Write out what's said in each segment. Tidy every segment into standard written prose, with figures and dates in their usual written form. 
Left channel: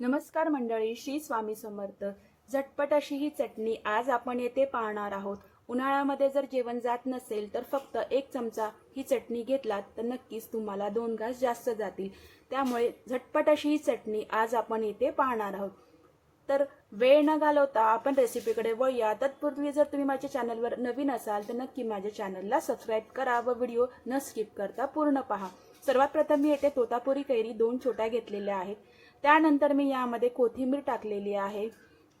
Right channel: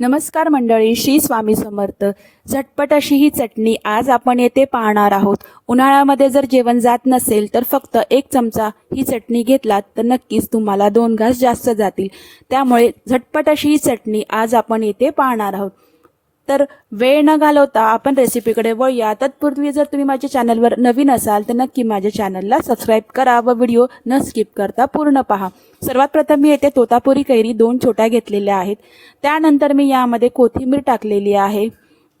नमस्कार मंडळी, श्री स्वामी समर्थ। झटपट अशी ही चटणी आज आपण येथे पाहणार आहोत। उन्हाळ्यामध्ये जर जेवण जात नसेल तर फक्त 1 चमचा ही चटणी घेतलात तर नक्कीच तुम्हाला 2 घास जास्त जातील। त्यामुळे झटपट अशी ही चटणी आज आपण येथे पाहणार आहोत। तर वेळ न घालवता आपण रेसिपीकडे वळूया। तत्पूर्वी जर तुम्ही माझ्या चॅनलवर नवीन असाल तर नक्की माझ्या चॅनलला सबस्क्राइब करा व व्हिडिओ न स्किप करता पूर्ण पहा। सर्वात प्रथम मी येथे तोतापुरी कैरी 2 छोट्या घेतलेल्या आहेत। त्यानंतर मी यामध्ये कोथिंबीर टाकलेली आहे।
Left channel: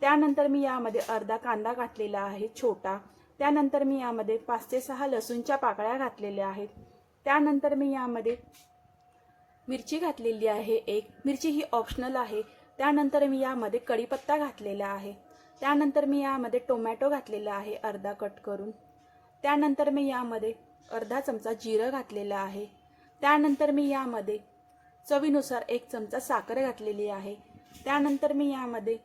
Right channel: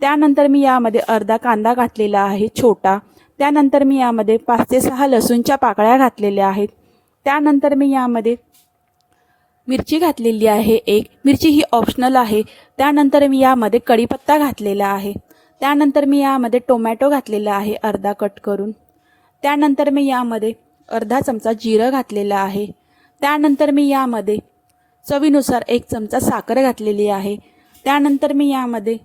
त्यानंतर मी यामध्ये अर्धा कांदा घातलेला आहे छोटा। त्यानंतर मी यामध्ये 5 ते 6 लसूणच्या पाकळ्या घातलेल्या आहेत। त्यानंतर मी यामध्ये मिरची घातलेली आहे एक। मिरची ही ऑप्शनल आहे। त्यानंतर मी यामध्ये कढीपत्ता घातलेला आहे। त्यानंतर मी यामध्ये टोमॅटो घातलेला आहे अर्धा कट करून। त्यानंतर मी यामध्ये अर्धा चमचा जिरं घातलेला आहे। त्यानंतर मी यामध्ये चवीनुसार 1 चमचा साखर घातलेली आहे। त्यानंतर मी यामध्ये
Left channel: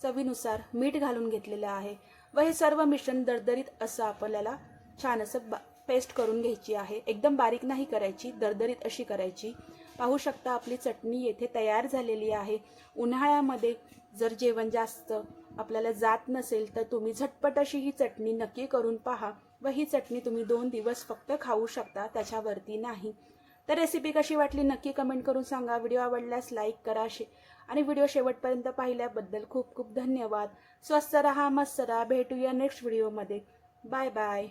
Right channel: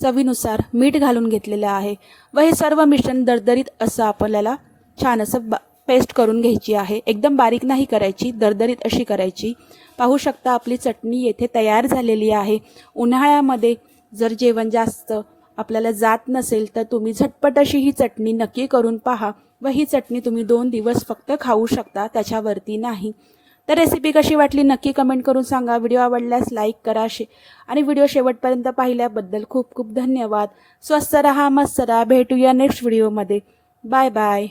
चवीनुसार मीठ घालून घेतलेलं आहे व हे सर्व मिश्रण दरदरीत असं आपल्याला छान असं पेस्ट करून घ्यायची आहे। एकदम बारीक नाही करायची, दरदरीत अशी करायची। पाहू शकता आपली चटणी येथे तयार झालेली आहे। उन्हाळ्यामध्ये जर जेवण जास्त आपल्याला जात नसेल तर तुम्ही झटपट अशी ही चटणी नक्की करून पहा व ही चटणी तुम्ही 2 दिवस फक्त खाऊ शकता, त्याच्यावरती नाही। तर रेसिपी कशी वाटली नक्की कमेंट करून सांगा। व्हिडिओ आवडल्यास लाईक करा आणि व्हिडिओ शेवटपर्यंत पाहिल्याबद्दल खूप खूप धन्यवाद। स्वस्त रहा, मस्त रहा। भेटूया नेक्स्ट व्हिडिओमध्ये। Bye bye.